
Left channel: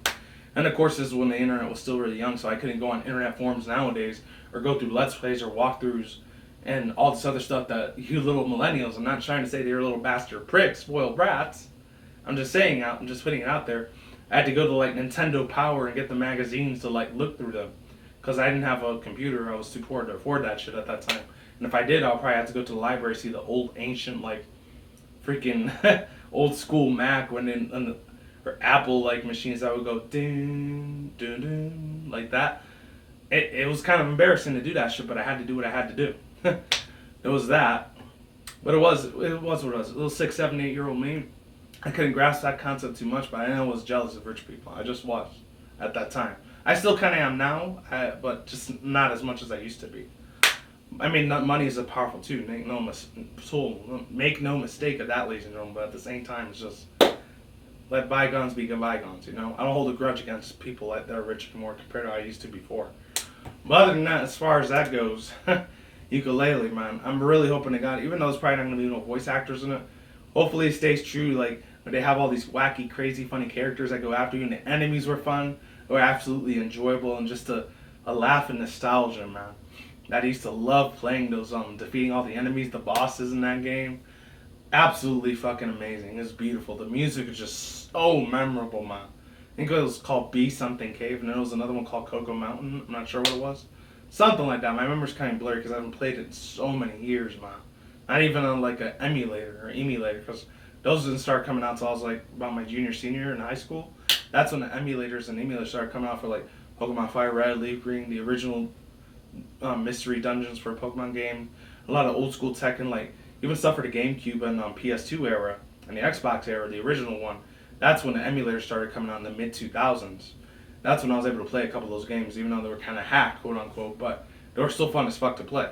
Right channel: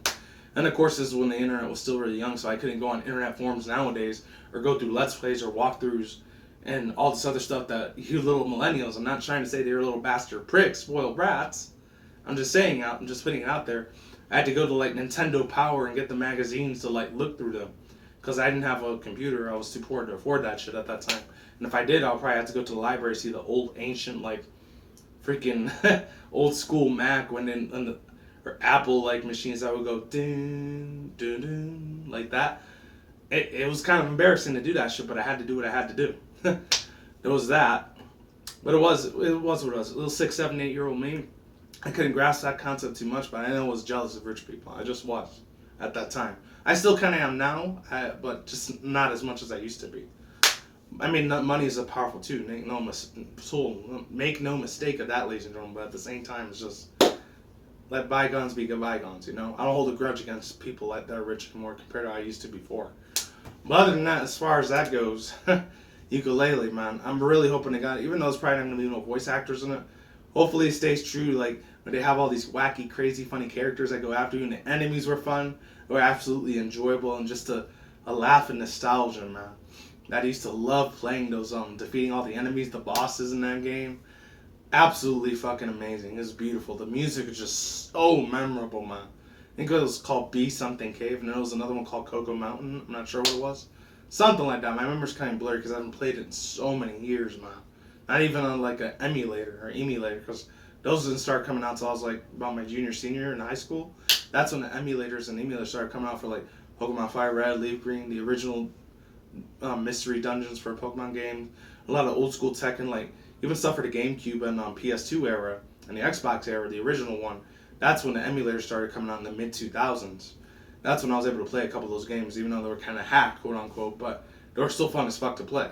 And of course, this is when the internet was still really young, so I couldn't go on internet forums nowadays or go through Let's Plays or walkthroughs and all this other stuff that you little millennials, I'm not trying to say they're little bastard pricks, spoiled brats. I'm just saying, I'm just putting it out there. I had to go to like Nintendo Power and get the magazines to like look through them because I didn't have a computer. I was too poor to afford that shit at that time. And if I did, I'll probably have to go to the library, see the old ancient like freaking old school Mac or Apple like machines that would go ding ding ding like that. It was kind of embarrassing to do that shit, but I had to do what I had to do. It was that, but it was what it was. A little 6, 7, 8-year-old me. I couldn't grasp that concept too much, but I know I was jealous of rich people. I just was at that time. I still kind of am now, but just not as much as I used to be. I mean, money is a powerful tool. Make no mistake of that, ladies and gentlemen. But at the same time, it's just let bygones be bygones. You know, I don't hold a grudge against people that are rich anymore compared to how I used to before. But other than that, as far as that goes, ukulele, man, I'm really hoping to God, even though there's probably not going to be no voice actors in it, hopefully it stays true. Like, where they have all these wacky, crazy, funny characters that go after you, and the enemies were fun. They were absolutely enjoyable, and just a laugh and nostalgia, man. I used to love playing those, defeating all the enemies, the bosses in that game. Absolutely fucking amazing. It's beautiful. The music is just so memorable, man. I think it was called B something Cave, and there was another one called Cocoa Mountain. I'm not sure what it was. Something like that. My memory's kind of blurry because I haven't played it in so many years, man. Not even on like an emulator, because those didn't start coming out until I was like about my junior, senior in high school. That's when the emulators started coming out for like Pokemon Fire Red, Leaf Green, the original mystery dungeons for a Pokemon game, a lot of old school Tekken, like even stuff for the GameCube and PS2 era and the Xbox era, the original one. That's when the emulators started coming out in the mid 2000s. That's when I was able to play a couple of those games, even though they were kind of hacked, quote unquote, but they were still fun as fuck to play.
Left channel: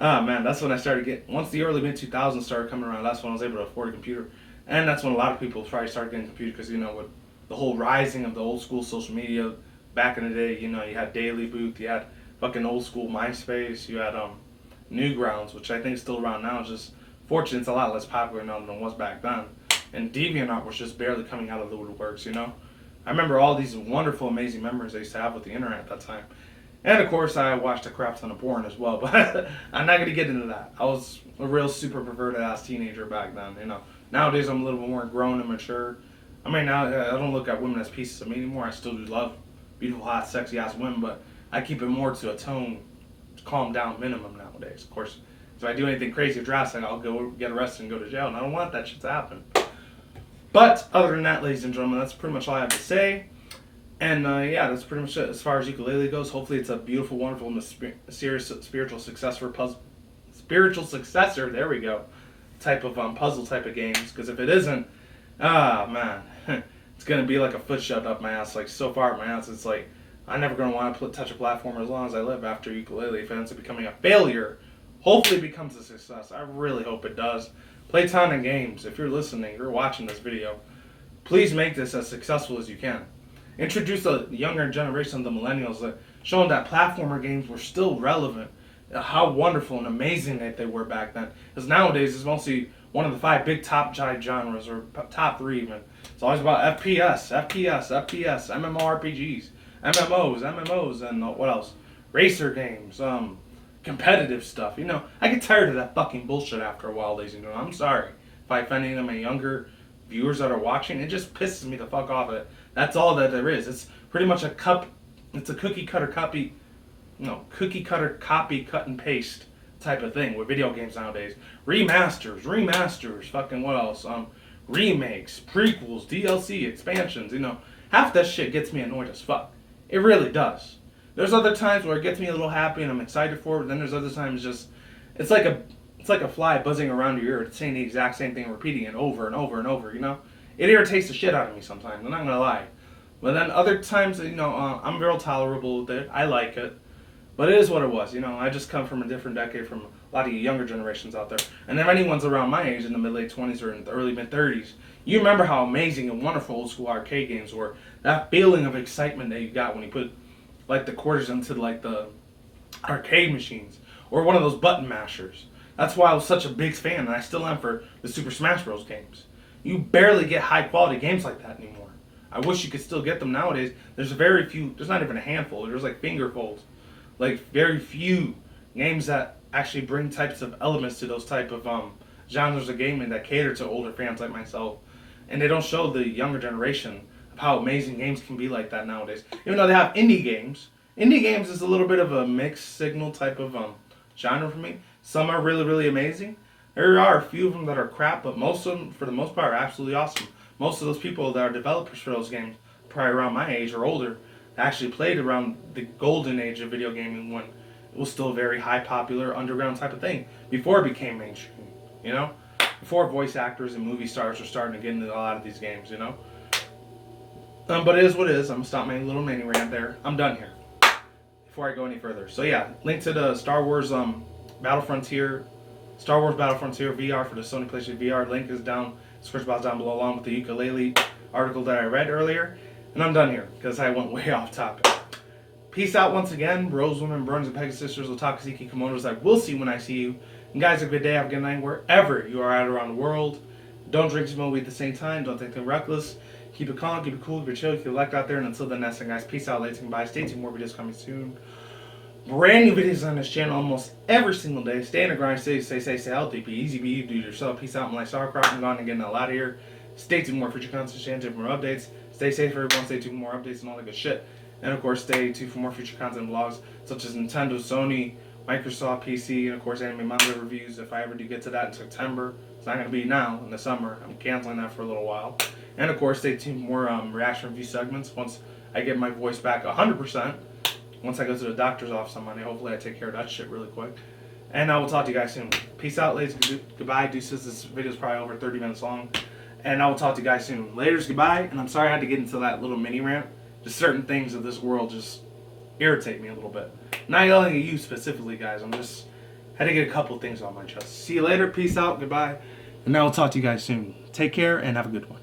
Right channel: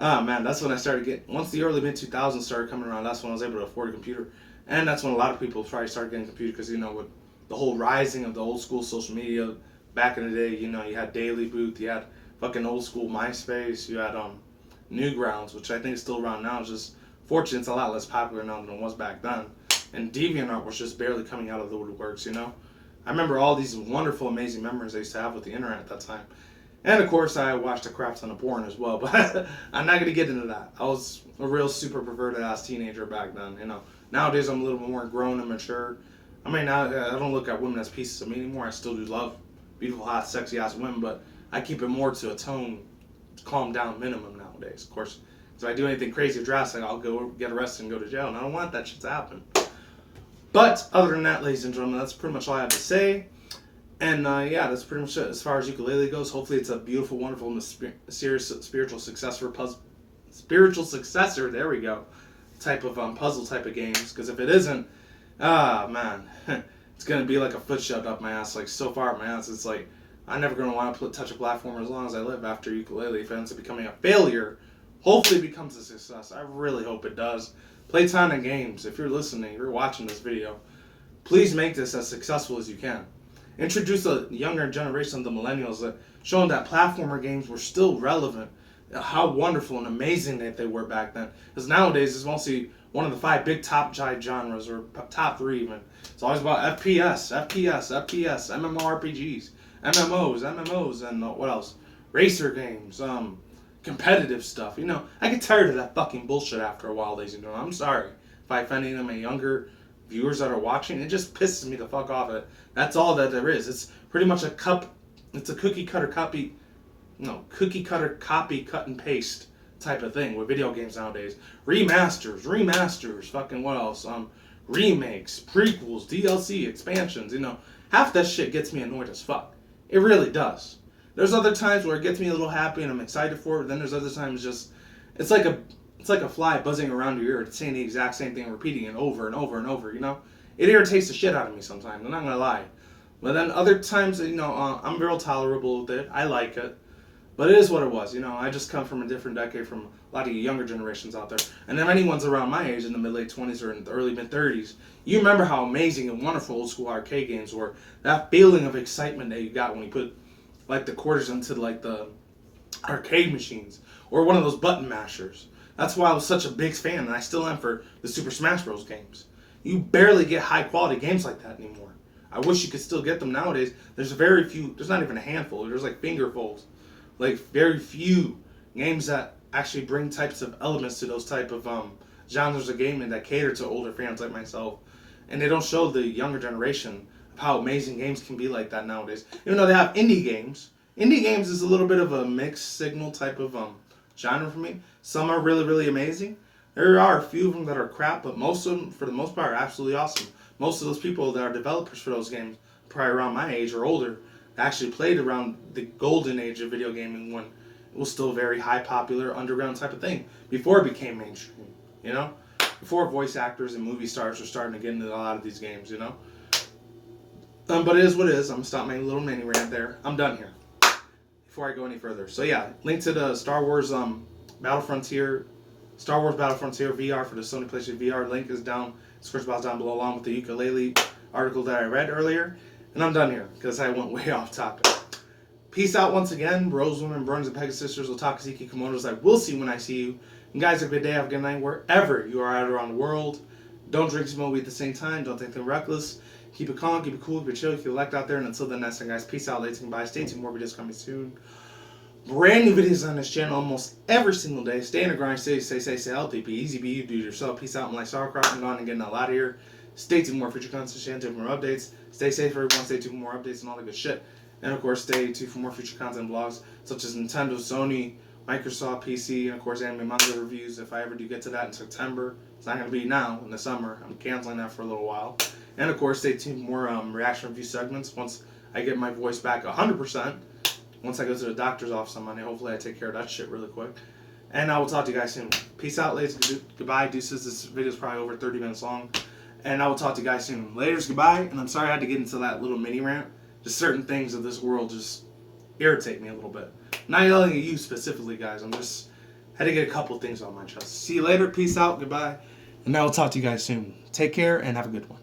Ah man, that's when I started getting, once the early mid 2000s started coming around, that's when I was able to afford a computer. And that's when a lot of people probably started getting a computer because, with the whole rising of the old school social media back in the day, you had Daily Booth, you had fucking old school MySpace, you had Newgrounds, which I think is still around now. It's just fortunately it's a lot less popular now than it was back then. And DeviantArt was just barely coming out of the woodworks, I remember all these wonderful, amazing memories I used to have with the internet at that time. And of course I watched a crap ton of porn as well, but I'm not going to get into that. I was a real super perverted ass teenager back then, Nowadays I'm a little bit more grown and mature. I mean, I don't look at women as pieces of me anymore. I still do love beautiful, hot, sexy ass women, but I keep it more to a tone, calm down minimum nowadays. Of course, if I do anything crazy or drastic, I'll go get arrested and go to jail, and I don't want that shit to happen. But other than that, ladies and gentlemen, that's pretty much all I have to say. And that's pretty much it as far as ukulele goes. Hopefully, it's a beautiful, wonderful, mysterious, spiritual successor. There we go. Type of puzzle type of games. Because if it isn't, man, it's gonna be like a foot shoved up my ass. Like so far up my ass, it's like I'm never gonna want to touch a platform as long as I live after ukulele. If it ends up becoming a failure, hopefully it becomes a success. I really hope it does. Play ton of games. If you're listening, you're watching this video, please make this as successful as you can. Introduce the younger generation, the millennials, that showing that platformer games were still relevant. How wonderful and amazing that they were back then. Because nowadays it's mostly one of the 5 big top genres, or top 3 even. It's always about FPS, MMORPGs, MMOs, and what else? Racer games, competitive stuff. I get tired of that fucking bullshit after a while, ladies and gentlemen. I'm sorry if I offend any of my younger viewers that are watching. It just pisses me the fuck off. That's all that there is. It's pretty much it's a cookie cutter copy, cut and paste type of thing with video games nowadays. Remasters, fucking what else? Remakes, prequels, DLC, expansions. Half that shit gets me annoyed as fuck. It really does. There's other times where it gets me a little happy and I'm excited for it, but then there's other times it's like a fly buzzing around your ear, saying the exact same thing, repeating it over and over and over, It irritates the shit out of me sometimes, I'm not gonna lie. But then other times, I'm real tolerable with it. I like it. But it is what it was, I just come from a different decade from a lot of you younger generations out there. And if anyone's around my age in the mid-late 20s or in the early mid-30s, you remember how amazing and wonderful old school arcade games were. That feeling of excitement that you got when you put like the quarters into like the arcade machines or one of those button mashers. That's why I was such a big fan, and I still am, for the Super Smash Bros. Games. You barely get high quality games like that anymore. I wish you could still get them nowadays. There's very few, there's not even a handful, there's like fingerfuls. Like very few games that actually bring types of elements to those type of genres of gaming that cater to older fans like myself. And they don't show the younger generation of how amazing games can be like that nowadays. Even though they have indie games. Indie games is a little bit of a mixed signal type of genre for me. Some are really, really amazing. There are a few of them that are crap, but most of them, for the most part, are absolutely awesome. Most of those people that are developers for those games, probably around my age or older, actually played around the golden age of video gaming when it was still a very high popular underground type of thing, before it became mainstream, Before voice actors and movie stars were starting to get into a lot of these games, But it is what it is. I'm going to stop my little mini rant there. I'm done here before I go any further. So yeah, link to the Star Wars Battlefront VR for the Sony PlayStation VR. Link is down, description box down below, along with the ukulele article that I read earlier. And I'm done here because I went way off topic. Peace out once again, bros, women, bronies, and pegasisters, otakaziki, kimonos. I will see you when I see you. And guys, have a good day, have a good night, wherever you are at around the world. Don't drink, smoke weed at the same time. Don't think they're reckless. Keep it calm, keep it cool, keep it chill, keep it elect out there. And until then, next time, guys, peace out, ladies and goodbye. Stay tuned, more videos coming soon. Brand new videos on this channel almost every single day. Stay in the grind, stay healthy, be easy, be you, do it yourself. Peace out, I'm like sauerkraut. I'm gone and getting a lot of here. Stay tuned, more future content, stay tuned for more updates. Stay safe, everyone. Stay tuned for more updates and all that good shit. And of course, stay tuned for more future content vlogs such as Nintendo, Sony, Microsoft, PC, and of course, anime manga reviews. If I ever do get to that in September, it's not going to be now in the summer. I'm canceling that for a little while. And of course, stay tuned for more reaction review segments once I get my voice back 100%. Once I go to the doctor's office on Monday, hopefully I take care of that shit really quick. And I will talk to you guys soon. Peace out, ladies. Goodbye, deuces. This video is probably over 30 minutes long. And I will talk to you guys soon. Laters, goodbye. And I'm sorry I had to get into that little mini rant. Just certain things of this world just irritate me a little bit. Not yelling at you specifically, guys. I'm just had to get a couple things on my chest. See you later. Peace out. Goodbye. And I will talk to you guys soon. Take care and have a good one.